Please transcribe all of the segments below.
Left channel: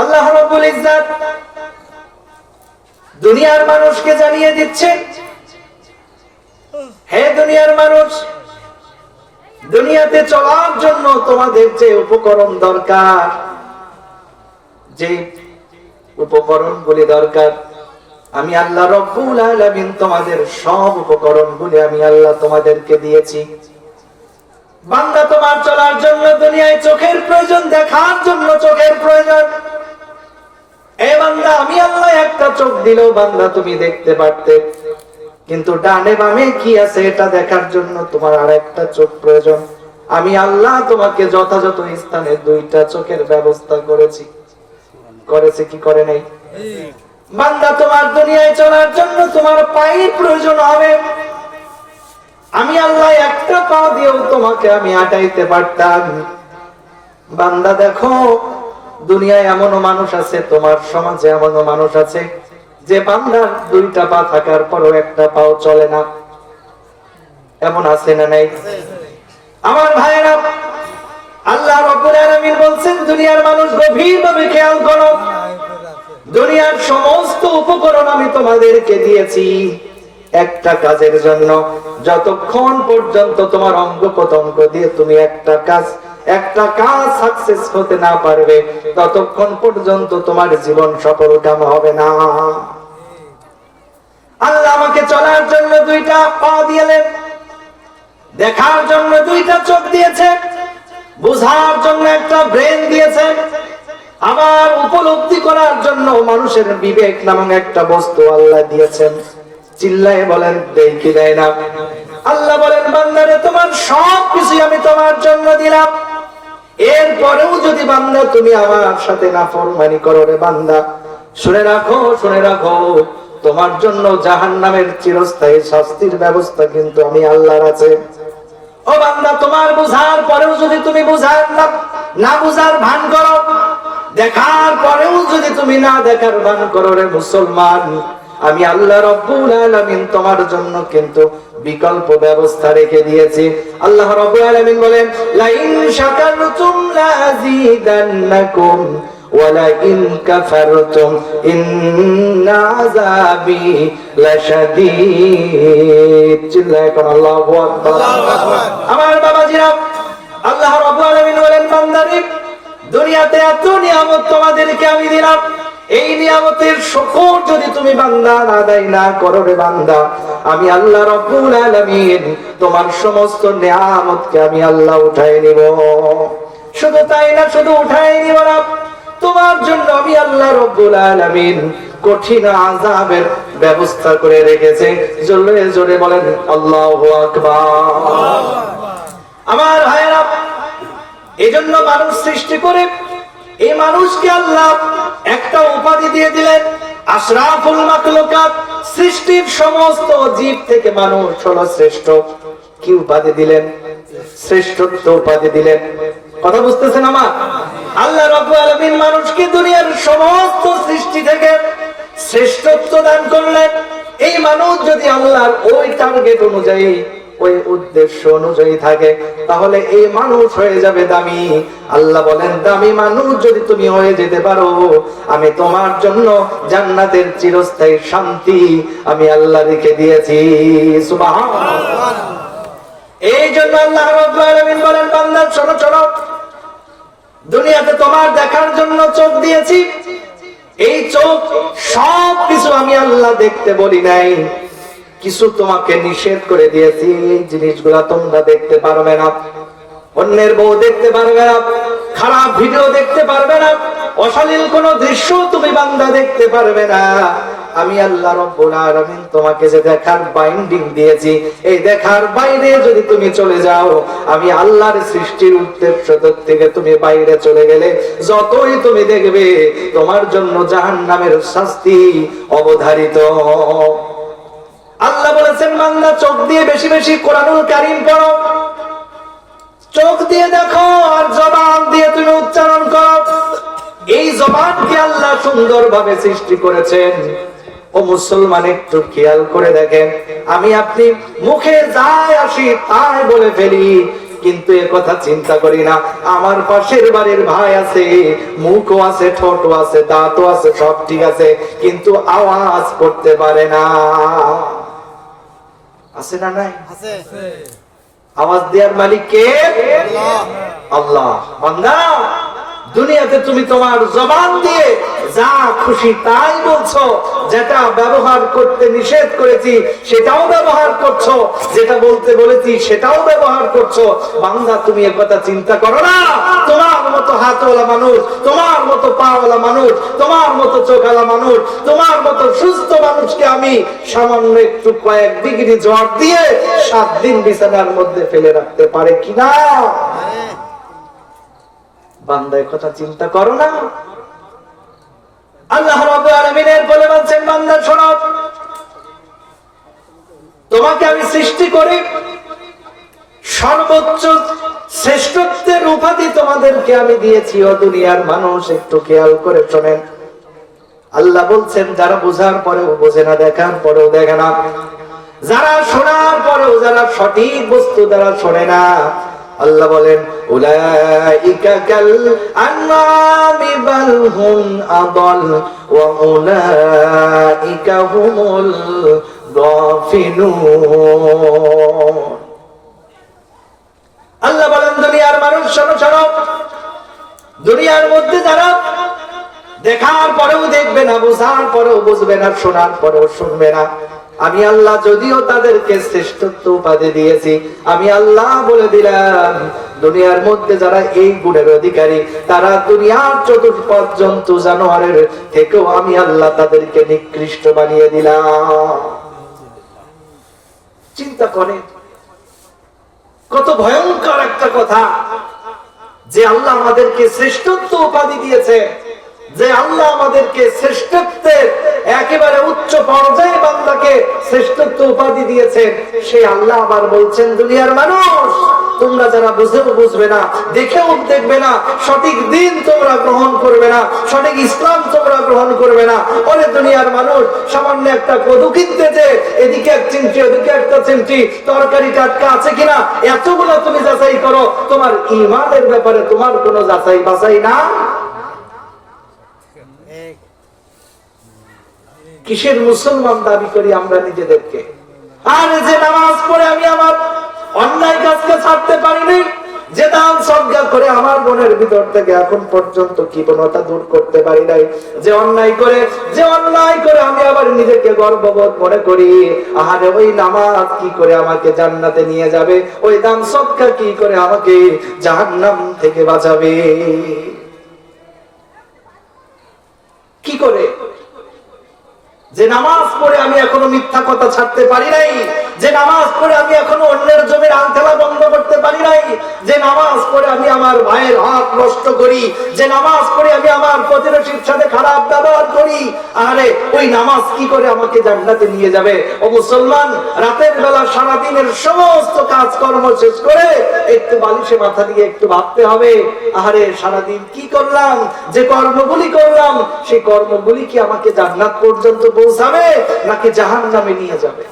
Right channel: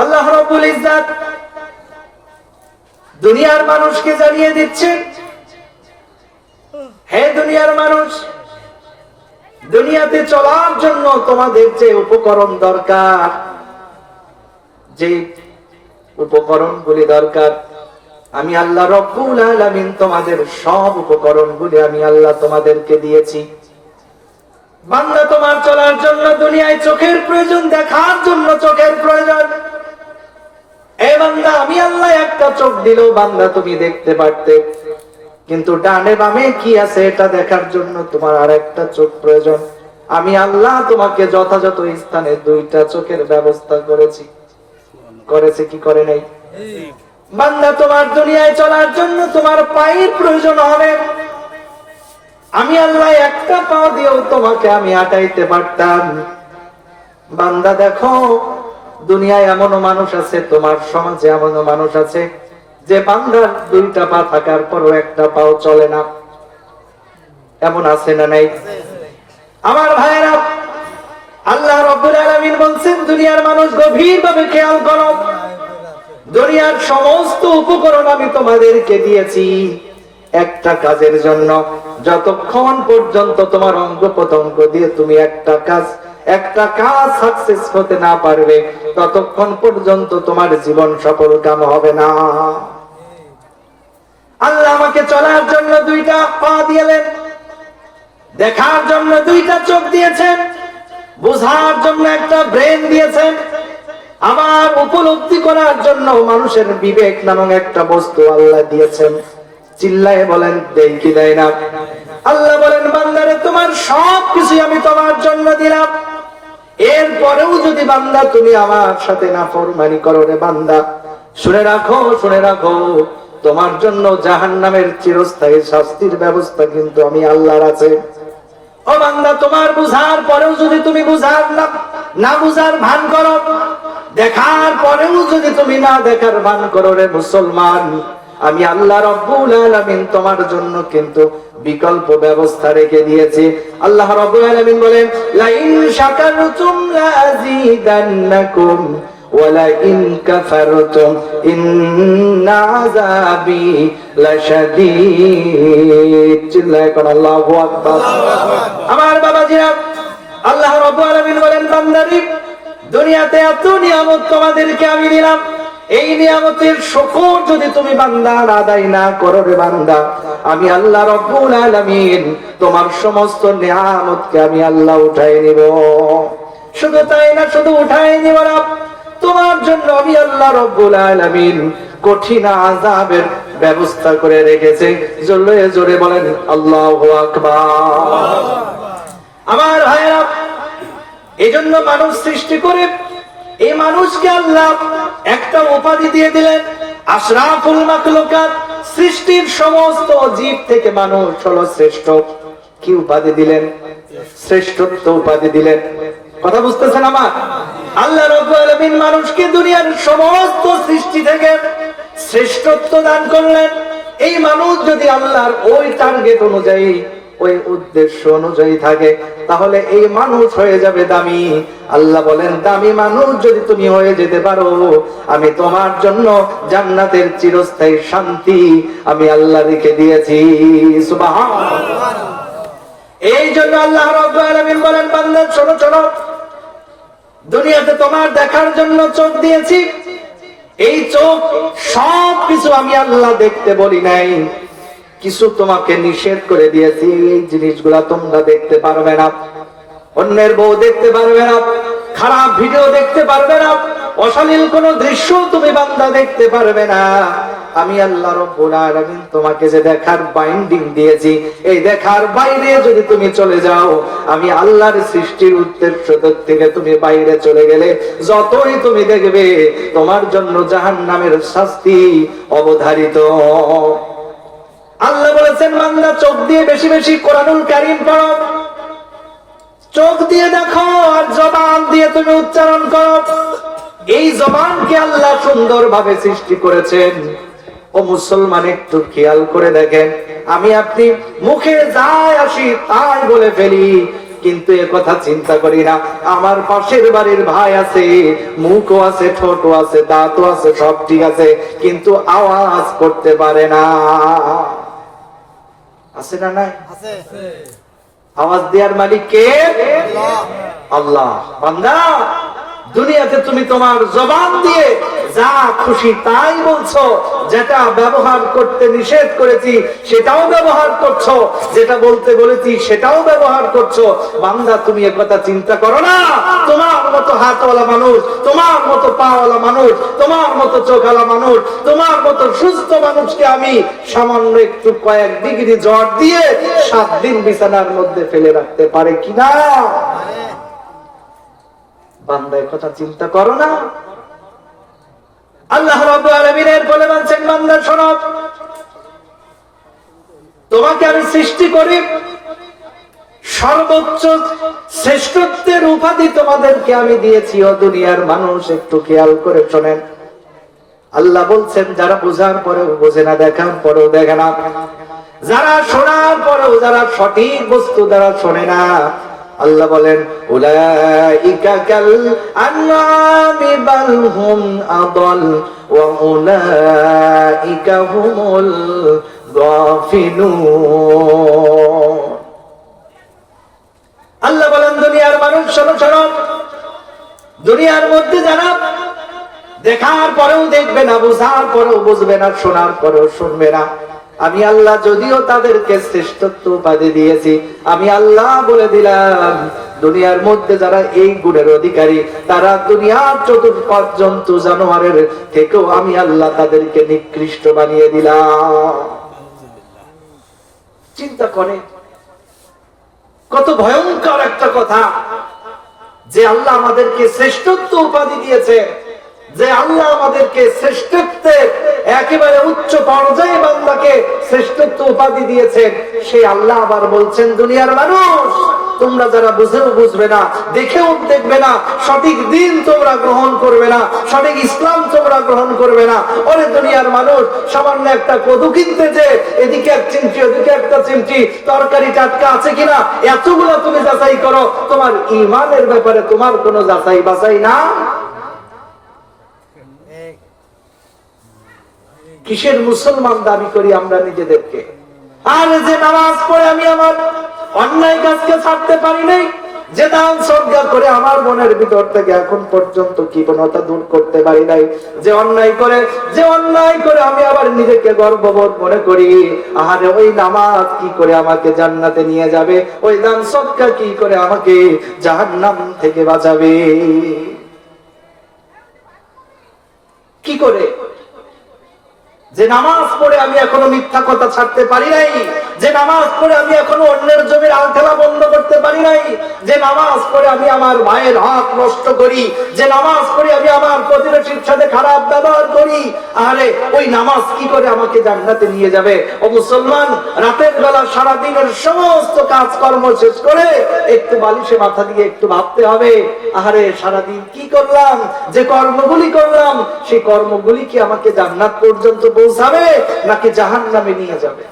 আল্লাহ রাব্বুল ইজ্জাত দুনিয়ার মানুষকে জানিয়ে দিচ্ছেন, হে দুনিয়ার মানুষ, দুনিয়াতে চলার জন্য তোমাদের যে উপকরণ দরকার, যে উপকরণগুলি দরকার, আমি আল্লাহ রাব্বুল আলামিন তোমাদের সব উপকরণগুলি আমি আল্লাহ তোমাদেরকে দিয়েছি। বান্দা, তোমার চলার জন্য দুনিয়ায় চোখের প্রয়োজন, দেখার জন্য চোখের প্রয়োজন। এ বান্দা, আমি আল্লাহ একটা চোখ দিলেও বান্দা তুমি দেখতে পারতে, কিন্তু ডানে বামে কি আছে এটা দেখার জন্য তোমার আরেকটা চোখ প্রয়োজন। আমি আল্লাহ তোমাকে যথাযথ স্থানে দুইটা চোখের ব্যবস্থা করেছি কি করে নাই? বান্দা, তোমার দুনিয়ায় চলার জন্য তোমার পায়ের প্রয়োজন হবে। আমি আল্লাহ একটা পা দিয়েও তোমাকে আমি আটাইতে পারতাম। বান্দা দেখো, দুনিয়ায় এমনও মানুষ আছে, তোমার সমাজে এমনও মানুষ আছে যে বান্দার দুইটা পা থাকার পরও একটা পাও চলে না। এমন আছে না নাই? আমার ভাইরা, আল্লাহ রাব্বুল আলামিন বলছেন, দুনিয়ার মানুষ গভীরভাবে খেয়াল করো, দুনিয়ার সমস্ত উপকরণ আমি তোমাদেরকে দিয়েছি একটা কাজের জন্য। যতক্ষণ পর্যন্ত তোমার অঙ্গ প্রত্যঙ্গ দিয়ে তুমি একটা কাজ সাকসেস হতে না পারবে, ততক্ষণ পর্যন্ত তোমার জীবন সফল কাম হবে না। আল্লাহ আমাকে চলার জন্য দুইটা পা দিলেন, দেখার জন্য দুইটা চোখ দিয়েছেন, বোঝার জন্য একটা ব্রেন দিয়েছেন, আমার উপলব্ধি করার জন্য মানুষের বিবেক নামক একটা বস্তু আল্লাহ দিয়েছেন। চিল্লায়ে বলেন, দেই কি দেয় না? আল্লাহ বলেন, বান্দারে, তোমার সব কিছু আমি তোমার জন্য দিলাম। এরপরেও যদি বান্দা তুমি আমার সাথে নাফরমানি করো, রে বান্দা, শুনে রাখো, তোমার জন্য জাহান্নামের চিরস্থায়ী শাস্তির ব্যবস্থা কিন্তু আমি আল্লাহর আছে। ও বান্দা, তোমার বুঝার পরেও যদি তুমি না বুঝার ভান করো, দেখার পরেও যদি তুমি না দেখার ভান করো, রে মুসলমান, আমি আল্লাহ রাব্বুল আলামিন তোমার জন্য কিন্তু বিকল্প ব্যবস্থা রেখে দিয়েছি। আল্লাহ রাব্বুল আলামিন বলেন, লা ইন শাকারতুম লাযিদান্নাকুম ওয়া লা ইন কাফারতুম ইন্না আযাবি লাশাদীদ। চিল্লায়ে পড়ো আল্লাহু আকবার। আমার বাবাজিরা, আল্লাহ রাব্বুল আলামিন বলেন, বান্দারে, দুনিয়াতে এত নিয়ামত তোমাদেরকে আমি দিলাম, এই নিয়ামতের শুকর যদি তুমি বান্দা আদায় না করো, রে বান্দা, আমি আল্লাহ রাব্বুল আলামিন তোমার সমস্ত নিয়ামতকে আমি আল্লাহ উঠায় নিব। শুধু তাই না, শুধু উঠায় নিব না, তোমার জন্য আমি আল্লাহ রাব্বুল আলামিন কঠিন আযাবের ব্যবস্থা করে রেখেছে। জোরে জোরে বলেন আল্লাহু আকবার। আমার ভাইরা, এজন্য মানুষ সৃষ্টি করে এই মানুষকে আল্লাহ একটা উপাধি দিয়ে দিলেন, আশরাফুল মাখলুকাত। সৃষ্টির সমস্ত জীব থেকে মানুষ হলো শ্রেষ্ঠ। কি উপাধি দিলেন? শ্রেষ্ঠত্ব উপাধি দিলেন। কথা বুঝতেছেন আমার? আল্লাহ রাব্বুল আলামিন মানুষকে দুনিয়ার সমস্ত সৃষ্টি থেকে শ্রেষ্ঠত্ব দান করলেন। এই মানুষ যদি আল্লাহর ওই টার্গেট অনুযায়ী, ওই উদ্দেশ্য অনুযায়ী থাকে, তাহলে এই মানুষ হয়ে যাবে দামি। আল্লাহ বলেন, দামি মানুষ যদি তুমি হয়ে যেতে পারো, আমি তোমার জন্য জান্নাতের চিরস্থায়ী শান্তি আমি আল্লাহ রেখে দিয়েছি। সুবহানাল্লাহ। এই জন্য আল্লাহ রাব্বুল আলামিন বলেন, বান্দা, শোনো, দুনিয়াতে তোমার দেখার জন্য চোখ দিয়েছি। এই চোখ সব কিছু আমি আল্লাহ দেখতে বলি নাই, কিছু তোমাকে নিষেধ করে দিয়েছি। এই জিনিসগুলা তোমরা দেখতে পারবে না, অন্যের বউ দেখতে পারবে না, খারাপ ভিডিও দেখতে পারবে না, অশ্লীল কোন দৃশ্য তুমি বান্দা দেখতে পারবে না। আমি আল্লাহ রাব্বুল আলামিন তোমাকে যে দেখার বাইন্ডিং দিয়েছি, এই দেখার বাইরে যদি তুমি চলে যাও, আমি আল্লাহর সৃষ্টির উদ্দেশ্য থেকে তুমি বাইরে চলে গেলে, যতই তুমি দেখবে তোমার জন্য জাহান্নামের শাস্তি অবধারিত। আল্লাহ বলেছেন, বান্দা, চোখ দিয়ে বেশি বেশি কোরআনুল কারীম পড়ো, চোখ দিয়ে দেখো, আর জবান দিয়ে তুমি উচ্চারণ করো। এই জবানকে আল্লাহ সুন্দরভাবে সৃষ্টি করেছেন। ও মুসলমান, একটু খেয়াল করে দেখেন, আমি আপনি মুখে যাই আসি তাই বলে ফেলি, কিন্তু এ কথা চিন্তা করি না আমার পাশের বাড়ির ভাই আছে, মুখও আছে, ঠোঁটও আছে, দাঁতও আছে, সব ঠিক আছে, কিন্তু আওয়াজ করতে পারে না। আছে না নাই? আওয়াজ দেওয়ার মালিক কে? আল্লাহ। বান্দা, দুনিয়াতে তুমি তোমার জবান দিয়ে যা খুশি তাই বলছো, যেটা ব্যবহার করতে নিষেধ করেছি সেটাও ব্যবহার করছো, যেটা বলতে বলেছি সেটাও ব্যবহার করছো। বান্দা, তুমি একথা চিন্তা করো না, তোমার মতো হাতওয়ালা মানুষ, তোমার মতো পাওয়ালা মানুষ, তোমার মতো চোখওয়ালা মানুষ, তোমার মতো সুস্থ মানুষকে আমি সামান্য একটু কয়েক ডিগ্রি জ্বর দিয়ে 7 দিন বিছানার মধ্যে ফেলে রাখতে পারে কিনা? বান্দা, কথা চিন্তা করো না। আল্লাহ রাব্বুল আলামিনের বলে বলছেন, বান্দা শোনো, তোমাকে আমি সৃষ্টি করি, সর্বোচ্চ শ্রেষ্ঠত্বের উপাধি তোমাদেরকে আমি দিয়েছি। ও দুনিয়ার মানুষ, একটু খেয়াল করে শোনেন। আল্লাহ বলছেন, যারা বোঝার পরেও বোঝে না, দেখার পরেও দেখে না, যারা শোনার পরেও যারা সঠিক বস্তু দ্বারা শোনে না, আল্লাহ বলেন, উলাইকা কাল আনআমি বাল হুম আদাল ওয়া উলাইকা হুমুল গাফিলুন। আল্লাহ বলেন, দুনিয়ার মানুষ শোনো, শোনো, দুনিয়ার মধ্যে যারা দেখার পরেও দেখবে না, বোঝার পরেও বুঝবে না, শোনার পরেও শুনবে না, আমি আল্লাহ যদিও তাদেরকে শ্রেষ্ঠত্ব উপাধি দিয়েছি, আমি আল্লাহ বলে দিলাম, দুনিয়ার মধ্যে যারা এই গুণের অধিকারী, তারা দুনিয়ার চতুষ্পদ জন্তু জানোয়ারের থেকেও আমি আল্লাহ তাদেরকে নিকৃষ্ট বানিয়ে দিলাম। চিন্তা করে, কত ভয়ঙ্কর একটা কথা যে আল্লাহ আমাদেরকে শ্রেষ্ঠত্ব উপাধি দিয়েছে, যে আল্লাহ আমাদেরকে শ্রেষ্ঠত্বের একেবারে উচ্চ পর্যায়ে বান্দাকে শ্রেষ্ঠত্ব উপাধি দিয়েছেন। সেই আল্লাহ আবার বলছেন, দুনিয়ার মানুষ, তোমরা যারা বুঝেও বুঝবে না, দেখেও দেখবে না, সঠিক দিন তোমরা গ্রহণ করবে না, সঠিক ইসলাম তোমরা গ্রহণ করবে না। ওরে দুনিয়ার মানুষ, সামান্য একটা কদু কিনতে যে এদিকে এক চিমটি ওদিকে একটা চিমটি তরকারি টাটকা আছে কিনা এতগুলো তুমি যাচাই করো, তোমার ঈমানের ব্যাপারে তোমার কোনো যাচাই বাছাই না। কিসের মুসলমান দাবি করি আমরা নিজেদেরকে? আর যে নামাজ পড়ে আমি আমার অন্যায় কাজকে ছাড়তে পারি নাই, যে দান সদকা করে আমার মনের ভিতর থেকে এখন পর্যন্ত কৃপণতা দূর করতে পারি নাই, যে অন্যায় করে আমি আবার নিজেকে গর্ববোধ মনে করি, আরে ওই নামাজ কি করে আমাকে জান্নাতে নিয়ে যাবে, ওই দান সদকা কি করে আমাকে জাহান্নাম থেকে বাঁচাবে? কি করে? যে নামাজ পড়ে আমি এখনো মিথ্যা কথা ছাড়তে পারি নাই, যে নামাজ পড়ে আমি এখনো অন্যের জমির আলখেলা বন্ধ করতে পারি নাই, যে নামাজ পড়ে আমি আমার ভাইয়ের হক নষ্ট করি, যে নামাজ পড়ে আমি আমার প্রতিবেশীর সাথে খারাপ ব্যবহার করি, আরে ওই নামাজ কি করে আমাকে জান্নাতে নিয়ে যাবে? ও মুসলমান, রাতের বেলা সারাদিনের সমস্ত কাজকর্ম শেষ করে একটু বালিশে মাথা দিয়ে একটু ভাবতে হবে, আরে সারাদিন কি করলাম, যে কর্মগুলি করলাম সেই কর্মগুলি কি আমাকে জান্নাত পর্যন্ত পৌঁছাবে নাকি জাহান্নামে নিয়ে যাবে?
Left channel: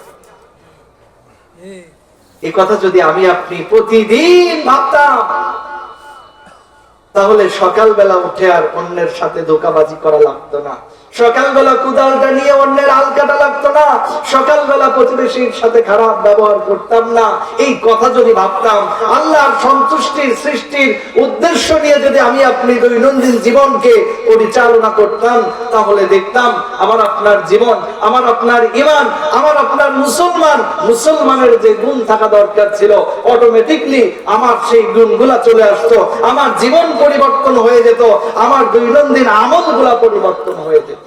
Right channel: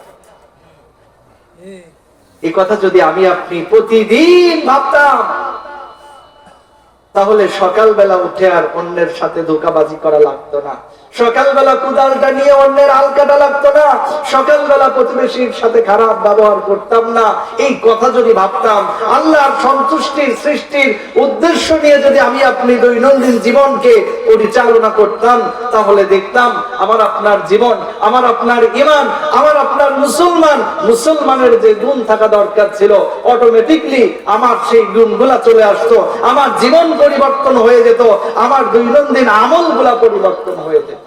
এই কথা যদি আমি আপনি প্রতিদিন ভাবতাম, তাহলে সকালবেলা উঠে আর অন্যের সাথে ধোঁকাবাজি করা লাগতো না, সকালবেলা কুদালটা নিয়ে অন্যের আল কাটা লাগতো না, সকালবেলা প্রতিবেশীর সাথে খারাপ ব্যবহার করতাম না। এই কথা যদি ভাবতাম, আল্লাহর সন্তুষ্টির সৃষ্টির উদ্দেশ্য নিয়ে যদি আমি আপনি দৈনন্দিন জীবনকে পরিচালনা করতাম, তাহলে দেখতাম আমার আপনার জীবন, আমার আপনার ঈমান, আমার আপনার মুসলমানের যে গুণ থাকা দরকার ছিল, অটোমেটিকলি আমার সেই গুণগুলা চলে আসতো, আমার জীবন পরিবর্তন হয়ে যেত, আমার দৈনন্দিন আমলগুলা পরিবর্তন হয়ে যেত।